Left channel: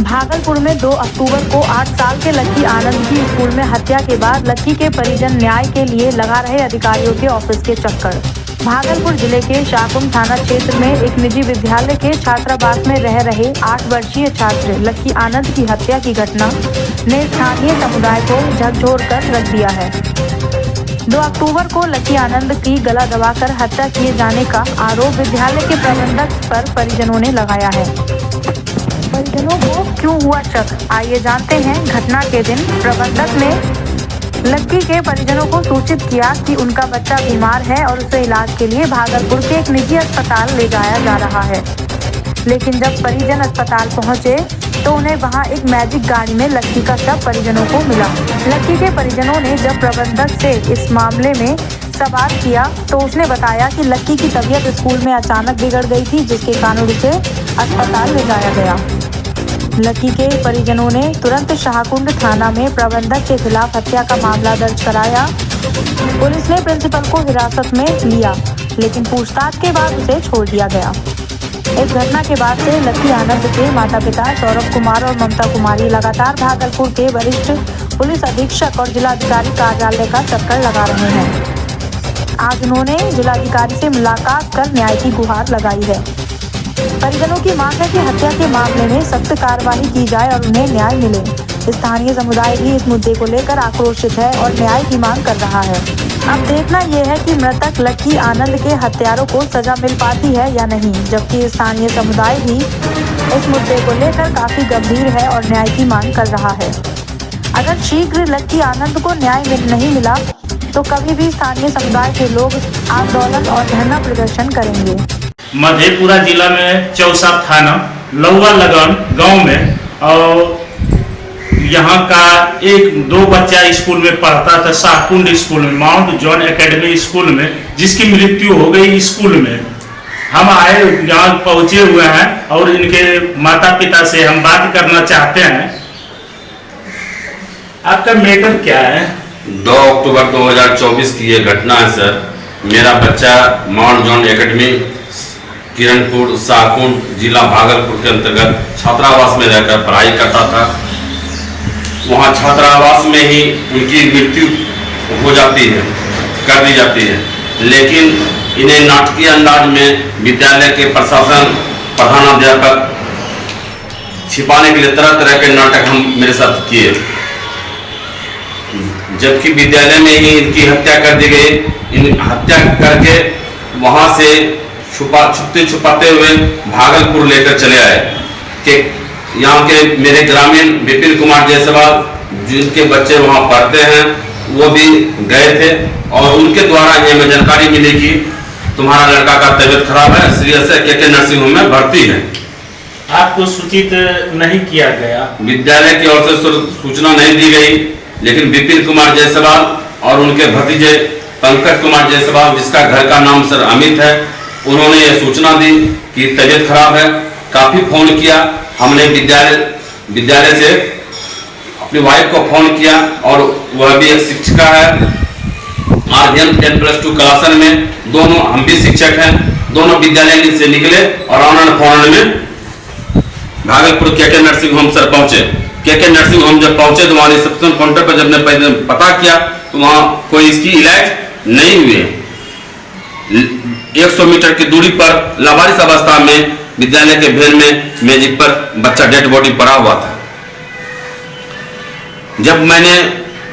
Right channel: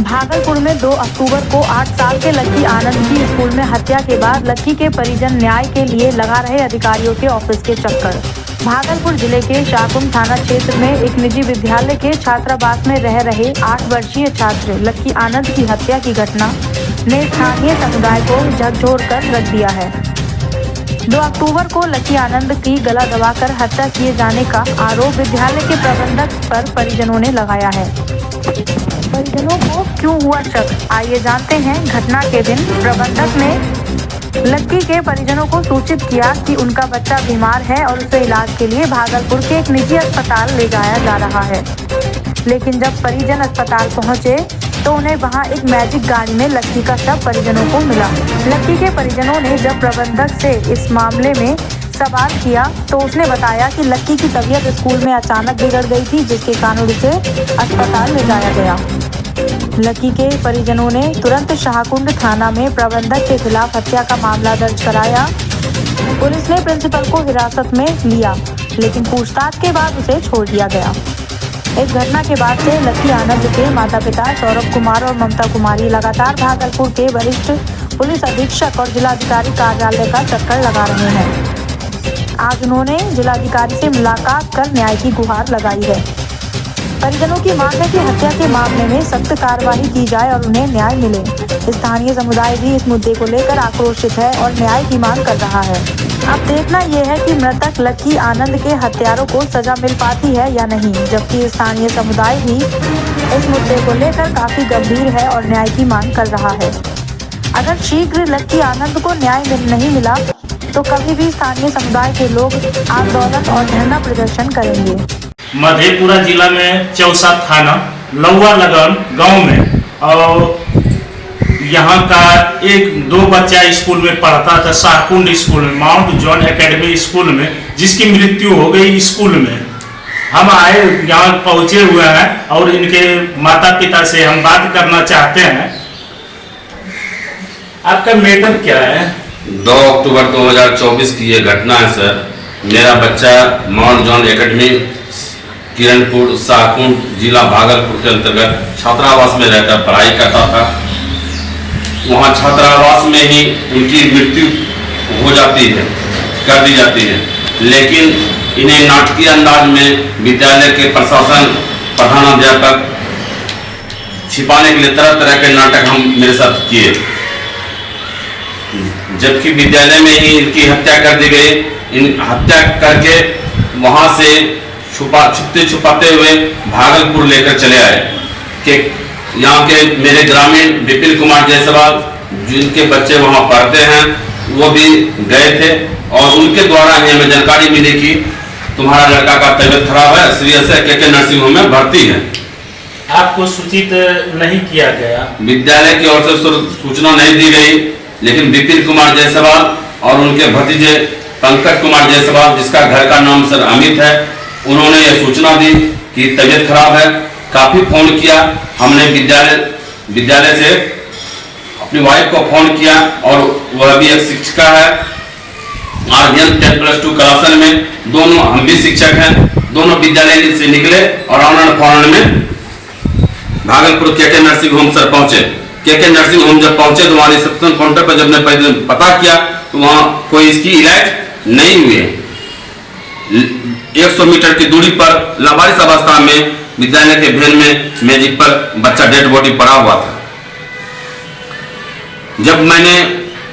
भागलपुर में 2 अक्टूबर को 8 साल के लक्की आनंद की स्कूल में हत्या के बाद लक्की के परिजन न्याय के लिए लगा रहे अधिकारियों के ऑफिस के चक्कर। भागलपुर जिले के शाहकुंड थाना क्षेत्र में एक निजी विद्यालय के छात्रावास में रह रहे 8 वर्षीय छात्र लक्की आनंद की हत्या की घटना ने स्थानीय समुदाय को झकझोर कर रख दिया है। 2 अक्टूबर को लक्की आनंद की गला दबाकर हत्या किए जाने का आरोप विद्यालय के प्रबंधक पर परिजनों ने लगाया है। परिजनों को क्यों हुआ शक, आइए जानते हैं। घटना के दिन प्रबंधक ने लक्की के परिजनों को सूचित किया कि उनका बच्चा बीमार है और उसे इलाज के लिए भागलपुर के एक निजी अस्पताल ले जाया जा रहा है। लेकिन जब परिजन अस्पताल पहुंचे तो उन्हें वहां एक मैजिक गाड़ी में लक्की का शव परिजनों को मिला। लक्की के परिजनों ने जब प्रबंधक से इस मामले में सवाल किया तो उसने बताया कि लक्की की तबीयत स्कूल में अचानक बिगड़ गई थी, जिसके कारण उसे अस्पताल ले जाया गया। लक्की के परिजनों ने तुरंत शाहकुंड थाना में प्रबंधक के खिलाफ हत्या का मामला दर्ज कराया। पुलिस ने प्रिंसिपल को हिरासत में लिया, लेकिन पूछताछ के बाद उसे छोड़ दिया गया। इस घटना के बाद से लक्की आनंद के माता पिता सौरभ कुमार और ममता कुमारी लगातार भागलपुर के वरिष्ठ पुलिस अधीक्षक और जिलाधिकारी कार्यालय का चक्कर लगा रहे हैं। आज उन्होंने जिलाधिकारी से मुलाकात कर न्याय की गुहार लगाई है। परिजनों की मांग है कि हत्या के मामले में सख्त कार्रवाई की जाए और उन्हें न्याय मिले। स्थानीय समुदाय भी इस मुद्दे को लेकर आक्रोशित है और न्याय की मांग कर रहा है। अब देखना यह है कि मृतक लक्की आनंद के हत्यारों को सजा मिल पाती है या नहीं, जबकि स्थानीय समुदाय भी इस मुद्दे को लेकर काफी गंभीर है और न्याय की मांग कर रहा है। अगर शीघ्र लक्की आनंद को न्याय नहीं मिला तो कभी भी स्थानीय समुदाय के लोग आंदोलन और धरना प्रदर्शन करेंगे। मधेपुरा जिला में चौसा थाना लौवा लगन गांव में और यहाँ का 1-2 बच्चा स्कूल में पढ़ता था, शाहकुंड स्कूल में, माउंट जॉन एकेडमी स्कूल में, जिसकी मृत्यु हो गई स्कूल में। हम आए यहाँ पहुँचे हुए हैं और इनके माता पिता से हम बात करना चाहते हैं। आपका मैटर क्या है? 2 अक्टूबर 2024 की ये घटना है सर। मेरा बच्चा mount John academy Kiranpur Shahkund जिला भागलपुर के अंतर्गत छात्रावास में रहकर पढ़ाई करता था। वहाँ छात्रावास में ही उनकी मृत्यु हो जाती है, कर दी जाती है। लेकिन इन्हें नाटकीय अंदाज में विद्यालय के प्रशासन, प्रधानाध्यापक छिपाने के लिए तरह तरह के नाटक हम मेरे साथ किए, जबकि विद्यालय में ही इनकी हत्या कर दी गई। इन हत्या करके वहां से छुपते छुपाते हुए भागलपुर लेकर चले आए कि यहाँ के मेरे ग्रामीण विपिन कुमार जायसवाल, जिनके बच्चे वहाँ पढ़ते हैं, वो भी गए थे और उनके द्वारा हमें जानकारी मिली कि तुम्हारा लड़का का तबीयत खराब है, सीरियस है, के नर्सिंग होम में भर्ती है। आपको सूचित नहीं किया गया? विद्यालय की ओर से सूचना नहीं दी गई, लेकिन विपिन कुमार जायसवाल और उनके भतीजे पंकज कुमार जायसवाल, जिसका घर का नाम सर अमित है, उन्होंने ये सूचना दी कि तबीयत खराब है। काफी फोन किया हमने, विद्यालय से अपनी वाइफ को फोन किया और वह भी एक शिक्षिका है RGN 10+2 क्लासन में, दोनों हम भी शिक्षक हैं। दोनों विद्यालय से निकले और ऑनलाइन फॉरन में भागलपुर के नर्सिंग होम सर पहुंचे। के नर्सिंग होम जब पहुंचे तो वहाँ रिसेप्शन काउंटर पर जब ने पता किया तो वहाँ कोई इसकी इलाज नहीं हुए। 100 मीटर की दूरी पर लावारिस अवस्था में विद्यालय के भेल में मेजिक पर बच्चा डेड बॉडी पड़ा हुआ था। जब मैंने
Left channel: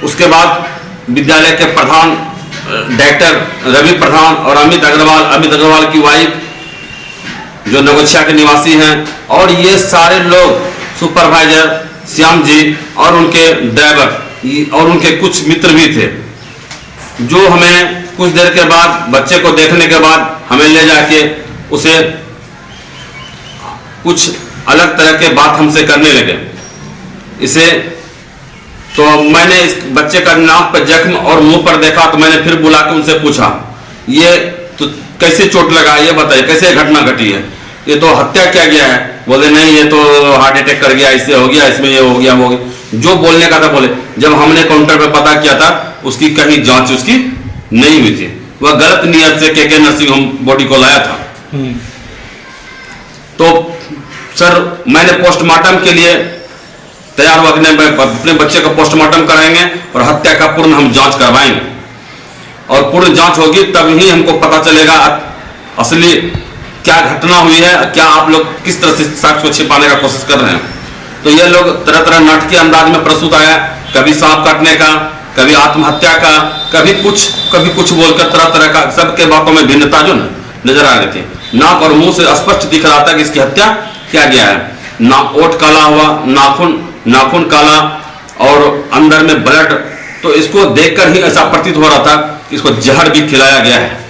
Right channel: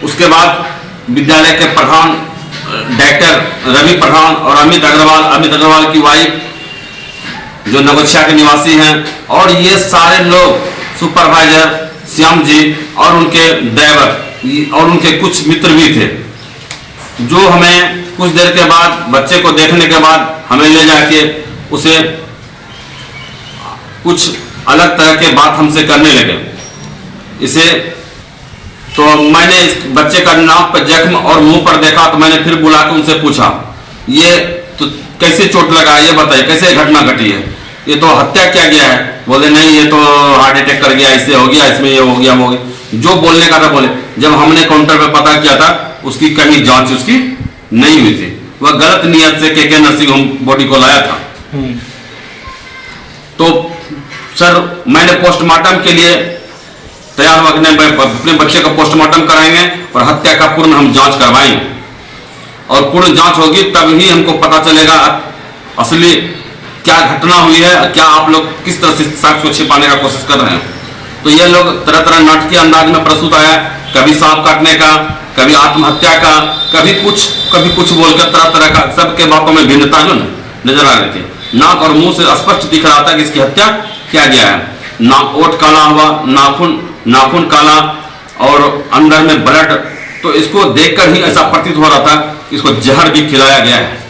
उसके बाद विद्यालय के प्रधान डायरेक्टर रवि प्रधान और अमित अग्रवाल की वाइफ जो नगोछिया के निवासी हैं, और ये सारे लोग, सुपरवाइजर श्याम जी और उनके ड्राइवर और उनके कुछ मित्र भी थे, जो हमें कुछ देर के बाद बच्चे को देखने के बाद हमें ले जाके उसे कुछ अलग तरह के बात हमसे करने लगे। इसे तो मैंने इस बच्चे का नाक पर जख्म और मुंह पर देखा तो मैंने फिर बुला के उनसे पूछा, ये तो कैसे चोट लगा, ये बताइए कैसे घटना घटी है, ये तो हत्या किया गया है। बोले नहीं, ये तो हार्ट अटैक कर गया, इससे हो गया, इसमें ये हो गया, वो हो गया। जो बोलने का था बोले। जब हमने काउंटर पे पता किया था उसकी कहीं जांच उसकी नहीं हुई थी, वह गलत नियत से के नर्सिंग होम बॉडी को लाया था। तो सर मैंने पोस्टमार्टम के लिए तैयार हुआ कि नहीं अपने बच्चे का पोस्टमार्टम कराएंगे और हत्या का पूर्ण हम जांच करवाएंगे, और पूर्ण जांच होगी तब ही हमको पता चलेगा असली क्या घटना हुई है, क्या आप लोग किस तरह से साक्ष्य को छिपाने का कोशिश कर रहे हैं। तो ये लोग तरह तरह नाटकीय अंदाज में प्रस्तुत आया, कभी सांप काटने का, कभी आत्महत्या का, कभी कुछ बोलकर तरह तरह का, सबके बातों में भिन्नता जो नजर आ रही थी। नाक और मुंह से स्पष्ट दिख रहा था कि इसकी हत्या किया गया है। ओठ काला हुआ, नाखून काला और अंदर में ब्लड, तो इसको देखकर ही ऐसा प्रतीत हो रहा था कि इसको जहर भी खिलाया गया है।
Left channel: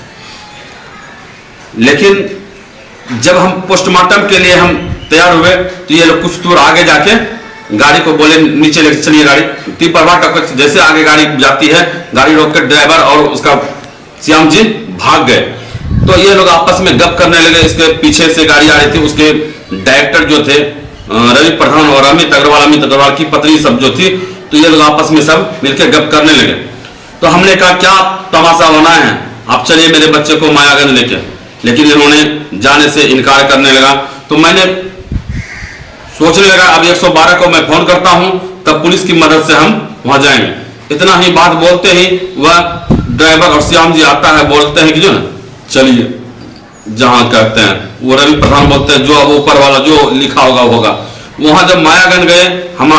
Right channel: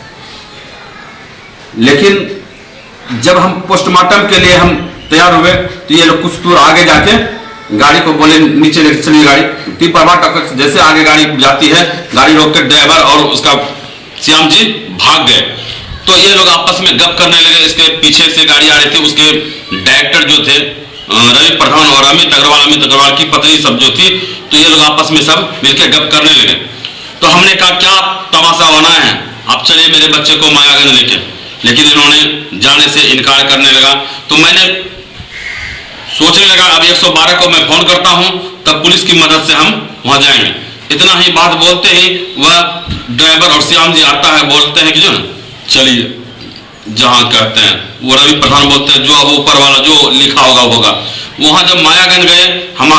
लेकिन जब हम पोस्टमार्टम के लिए हम तैयार हुए तो ये लोग कुछ दूर आगे जाके गाड़ी को बोले नीचे लेकर चलिए गाड़ी, टिपरवा टक्कर जैसे आगे गाड़ी जाती है, गाड़ी रोक कर ड्राइवर और उसका श्याम जी भाग गए। तो ये लोग आपस में गप करने लगे। इसके पीछे से गाड़ी आ रही थी, उसके डायरेक्टर जो थे रवि प्रधान और अमित अग्रवाल की पत्नी सब जो थी, तो ये लोग आपस में सब मिलकर गप करने लगे। तो हमने कहा क्या तमाशा होना है, आप चलिए मेरे बच्चे को मायागंज लेके, लेकिन इन्होंने जाने से इनकार करने लगा। तो मैंने सोचने लगा अब 112 को मैं फोन करता हूं, तब पुलिस की मदद से हम वहां जाएंगे। इतना ही बात बोलते ही वह ड्राइवर और श्याम जी आता है, बोलते हैं कि जो ना चलिए जहां कहते हैं, वो रवि प्रधान बोलते हैं जो अब ऊपर वाला जो लिखा होगा होगा। वहां जब मायागंज गए, हम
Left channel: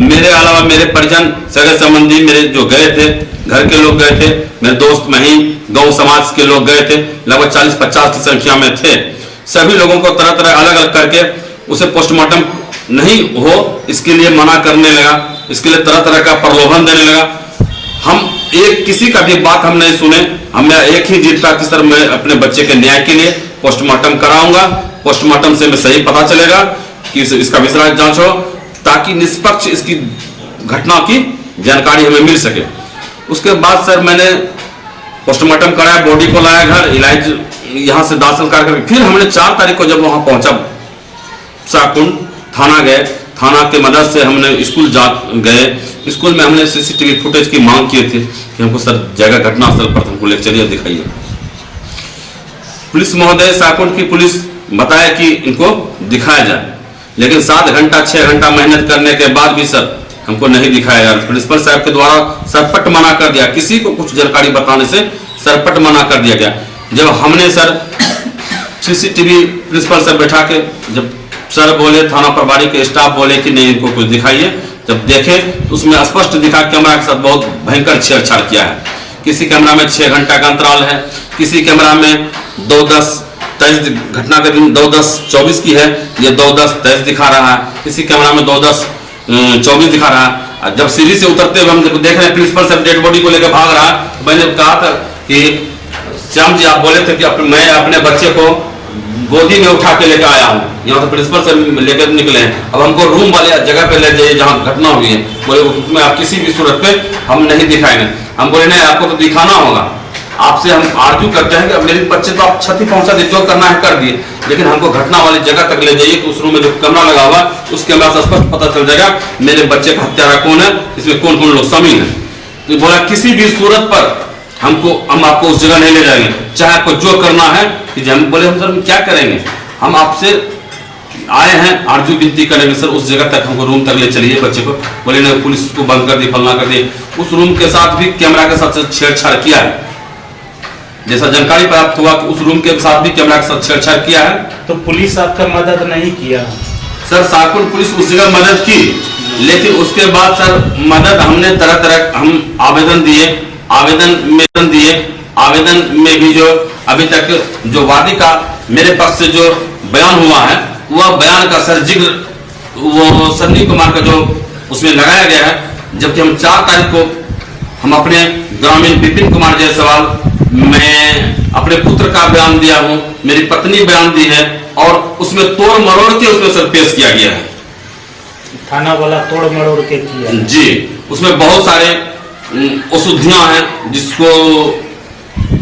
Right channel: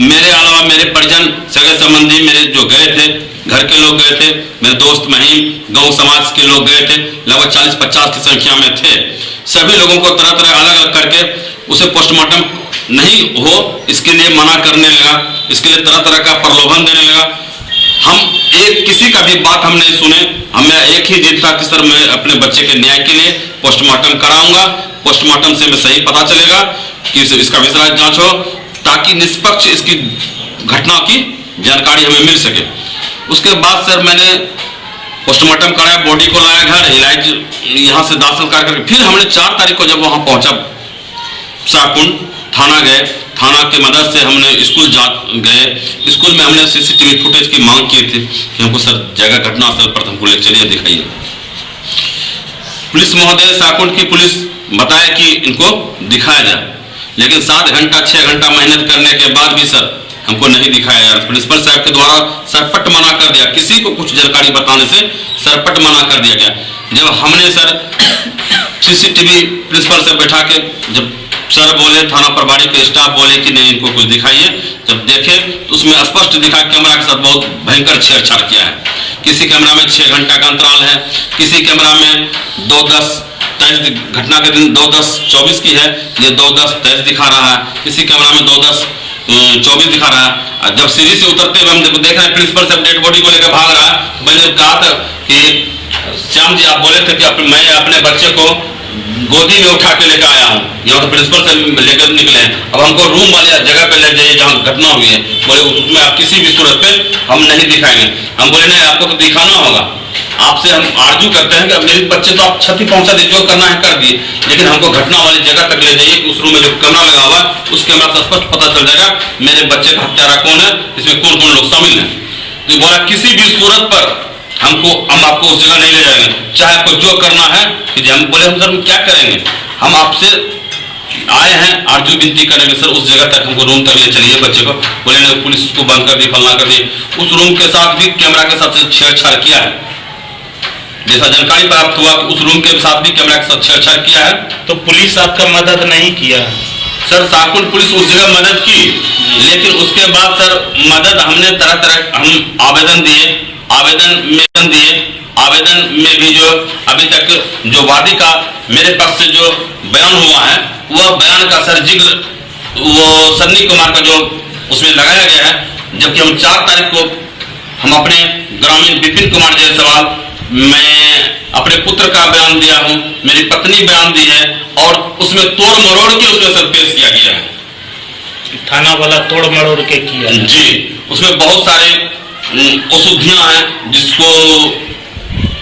मेरे अलावा मेरे परिजन सगे संबंधी मेरे जो गए थे, घर के लोग गए थे, मेरे दोस्त महीम गांव समाज के लोग गए थे, लगभग 40-50 की संख्या में थे। सभी लोगों को तरह तरह अलग अलग करके उसे पोस्टमार्टम नहीं हो इसके लिए मना करने लगा, इसके लिए तरह तरह का प्रलोभन देने लगा। हम किसी का भी बात हम नहीं सुने। हमें एक ही जिद था कि सर मैं अपने बच्चे के न्याय के लिए पोस्टमार्टम कराऊंगा, पोस्टमार्टम से मैं सही पता चलेगा कि इसका विशेष जांच हो, ताकि निष्पक्ष इसकी घटना की जानकारी हमें मिल सके। उसके बाद सर मैंने पोस्टमार्टम कराया, बॉडी को लाया घर, इलाज यहाँ से दाखिल करके फिर हमने 4 तारीख को जब वहाँ पहुँचा शाहकुंड थाना गए, थाना के मदद से हमने स्कूल गए। स्कूल में हमने सीसीटीवी फुटेज की मांग किए थे कि हमको सर जगह घटनास्थल पर हमको ले चलिए दिखाइए। पुलिस महोदय शाहकुंड की पुलिस बताया कि इनको दिखाया जाए, लेकिन 7 घंटा 6 घंटा मेहनत करने के बाद भी सर हमको नहीं दिखाया जा रहा। प्रिंसिपल साहब के द्वारा सरपट मना कर दिया, किसी को कुछ जानकारी बताने से सरपट मना कर दिया गया। जब हमने सर सीसीटीवी प्रिंसिपल से बैठा के जब सर बोले, थाना प्रभारी के स्टाफ बोले कि नहीं इनको कुछ दिखाइए, जब देखे तो उसमें स्पष्ट दिखा कैमरा के साथ बहुत भयंकर छेड़छाड़ किया है। किसी कैमरा में 6 घंटा का अंतराल है, किसी कैमरा में 2:10 घटना के दिन 2:10:24 की है, ये 2:10:23 दिखा रहा है, किसी कैमरा में 2:10:24 दिखा रहा है। जब सीढ़ी से उतरते हुए हम देख रहे हैं प्रिंसिपल साहब डेड बॉडी को लेकर भाग रहा है। मैंने कहा था कि श्याम जी आप बोले थे कि मैं अपने बच्चे को गोदी में उठा के लेकर आया हूँ, यहाँ तो प्रिंसिपल से लेकर निकले हैं, अब हमको रूम वाले जगह पे ले जाइए जहाँ घटना हुई है। बोले उसमें आप किसी भी सूरत पे हम नहीं दिखाएंगे। हम बोले नहीं आपको तो दिखाना होगा, आपसे हम आर्जू करते हैं कि अब मेरे बच्चे तो आप क्षति पहुंचा दिए, जो करना है कर दिए, लेकिन हमको घटना वाली जगह तक ले जाइए। उस रूम में जो कैमरा लगा हुआ है उस कैमरा से स्पष्ट पता चल जाएगा मेरे बच्चे का हत्यारा कौन है, इसमें कौन कौन लोग शामिल है। तो बोला किसी भी सूरत पर हम आपको उस जगह नहीं ले जाएंगे, चाहे आपको जो करना है कि हम बोले हम सर क्या करेंगे, हम आपसे आए हैं आरजू विनती करेंगे सर उस जगह तक हमको रूम तक ले चलिए बच्चे को। बोले नहीं पुलिस को बंद कर दी, फलना कर दी। उस रूम के साथ भी कैमरा के साथ छेड़छाड़ किया है, जैसा जानकारी प्राप्त हुआ कि उस रूम के साथ भी कैमरा के साथ छेड़छाड़ किया है। तो पुलिस आपका मदद नहीं किया? सर शाहकुंड पुलिस उस जगह मदद की, लेकिन उसके बाद सर मदद हमने तरह तरह हम आवेदन में भी जो अभी तक जो वादी का मेरे पक्ष से जो बयान हुआ है वह बयान का सर जिक्र वो सन्नी कुमार का जो उसमें लगाया गया है, जबकि हम 4 तारीख को हम अपने ग्रामीण विपिन कुमार जायसवाल, मैं अपने पुत्र का बयान दिया हूँ, मेरी पत्नी बयान दी है, और उसमें तोड़ मरोड़ के उसमें सर पेश किया गया है। थाना वाला तोड़ मरोड़ के किया जी, उसमें बहुत सारे अशुद्धियां हैं जिसको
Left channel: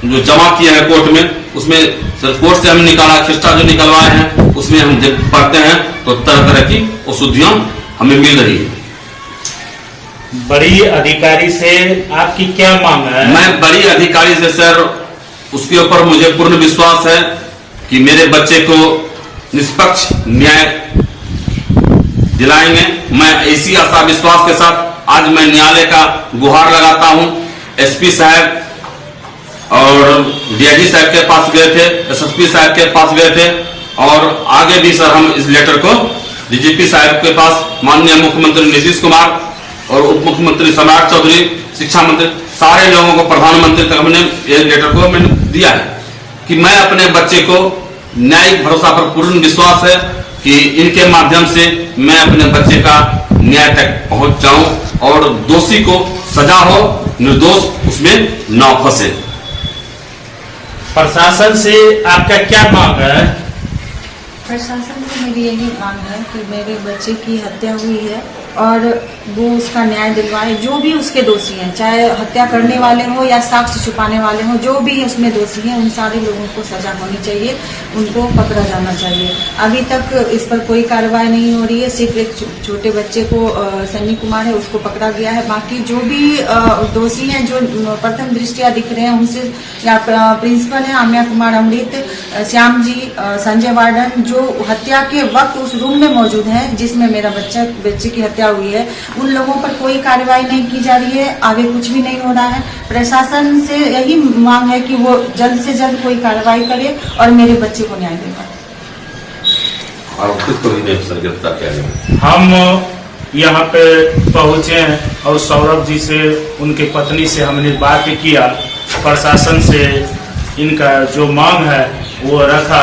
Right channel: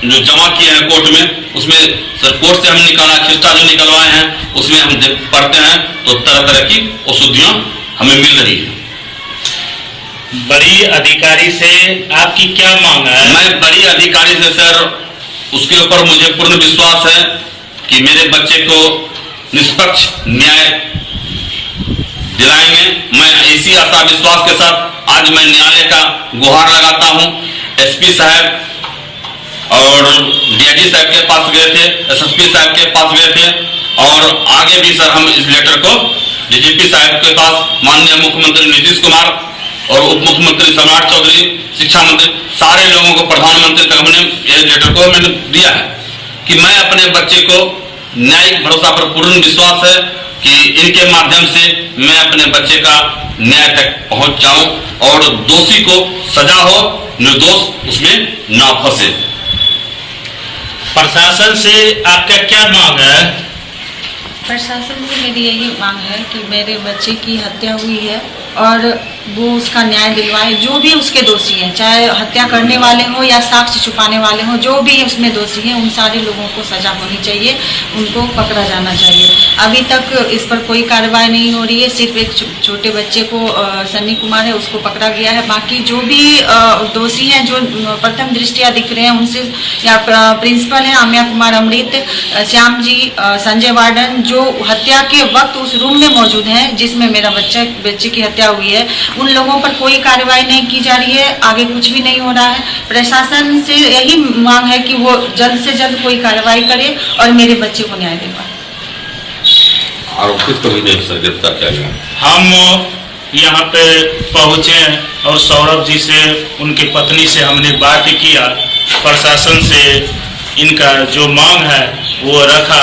जो जमा किए हैं कोर्ट में, उसमें सर कोर्ट से हम निकाला खिस्टा जो निकलवाए हैं उसमें हम जब पढ़ते हैं तो तरह तरह की अशुद्धियां हमें मिल रही है। बड़ी अधिकारी से आपकी क्या मांग है? मैं बड़ी अधिकारी से सर उसके ऊपर मुझे पूर्ण विश्वास है कि मेरे बच्चे को निष्पक्ष न्याय दिलाएंगे। मैं इसी आशा विश्वास के साथ आज मैं न्यायालय का गुहार लगाता हूं। एसपी साहब और डीआईजी साहब के पास गए थे, एसएसपी साहब के पास गए थे और आगे भी सर हम इस लेटर को डीजीपी साहब के पास, माननीय मुख्यमंत्री नीतीश कुमार और उप मुख्यमंत्री सम्राट चौधरी, शिक्षा मंत्री, सारे लोगों को, प्रधानमंत्री तक हमने ये लेटर को मैंने दिया है कि मैं अपने बच्चे को न्यायिक भरोसा पर पूर्ण विश्वास है कि इनके माध्यम से मैं अपने बच्चे का न्याय तक पहुंच जाऊं और दोषी को सजा हो, निर्दोष उसमें ना फंसे। प्रशासन से आपका क्या मांग है? प्रशासन से मेरी यही मांग है कि मेरे बच्चे की हत्या हुई है और वो उसका न्याय दिलवाए। जो भी उसके दोषी हैं, चाहे हत्या करने वाले हो या साक्ष्य छुपाने वाले हो, जो भी उसमें दोषी हैं, उन सारे लोगों को सजा होनी चाहिए, उनको पकड़ा जाना चाहिए। अभी तक इस पर कोई कार्रवाई नहीं हो रही है। सिर्फ एक छोटे बच्चे को, सन्नी कुमार है, उसको पकड़ा गया है। बाकी जो भी दोषी हैं, जो प्रथम दृष्टिया दिख रहे हैं, उनसे या प्रिंसिपल हैं आम्या कुमार अमृत, श्याम जी, संजय वार्डन, जो हत्या के वक्त उस रूम में मौजूद हैं जिसमें मेरा बच्चे की हत्या हुई है, उन लोगों पर कोई कार्रवाई नहीं की जा रही है। आगे कुछ भी नहीं हो रहा है। प्रशासन से यही मांग है कि वो जल्द से जल्द कोई कार्रवाई करे और मेरे बच्चे को न्याय दिलवाए। आरोपित को भी गिरफ्तार किया गया। हम यहाँ पे पहुँचे और सौरभ जी से, उनकी पत्नी से हमने बात किया। प्रशासन से इनका जो मांग है वो रखा।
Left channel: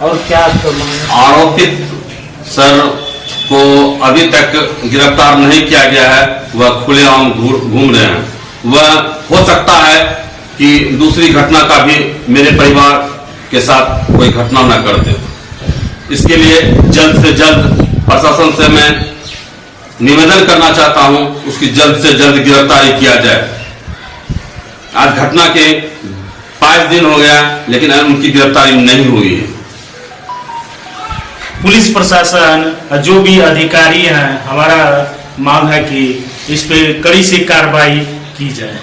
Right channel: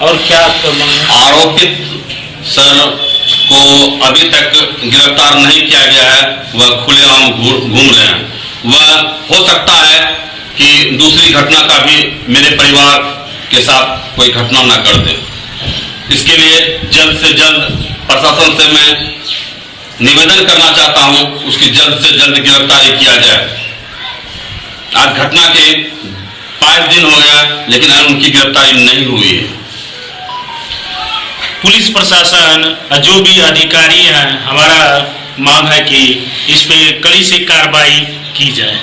और क्या आपका मांग है? आरोपित सर को अभी तक गिरफ्तार नहीं किया गया है, वह खुलेआम घूम रहे हैं। वह हो सकता है कि दूसरी घटना का भी मेरे परिवार के साथ कोई घटना न कर दे। इसके लिए जल्द से जल्द प्रशासन से मैं निवेदन करना चाहता हूं, उसकी जल्द से जल्द गिरफ्तारी किया जाए। आज घटना के 5 दिन हो गया लेकिन उनकी गिरफ्तारी नहीं हुई है। पुलिस प्रशासन, जो भी अधिकारी हैं, हमारा मांग है कि इस पे कड़ी से कार्रवाई की जाए।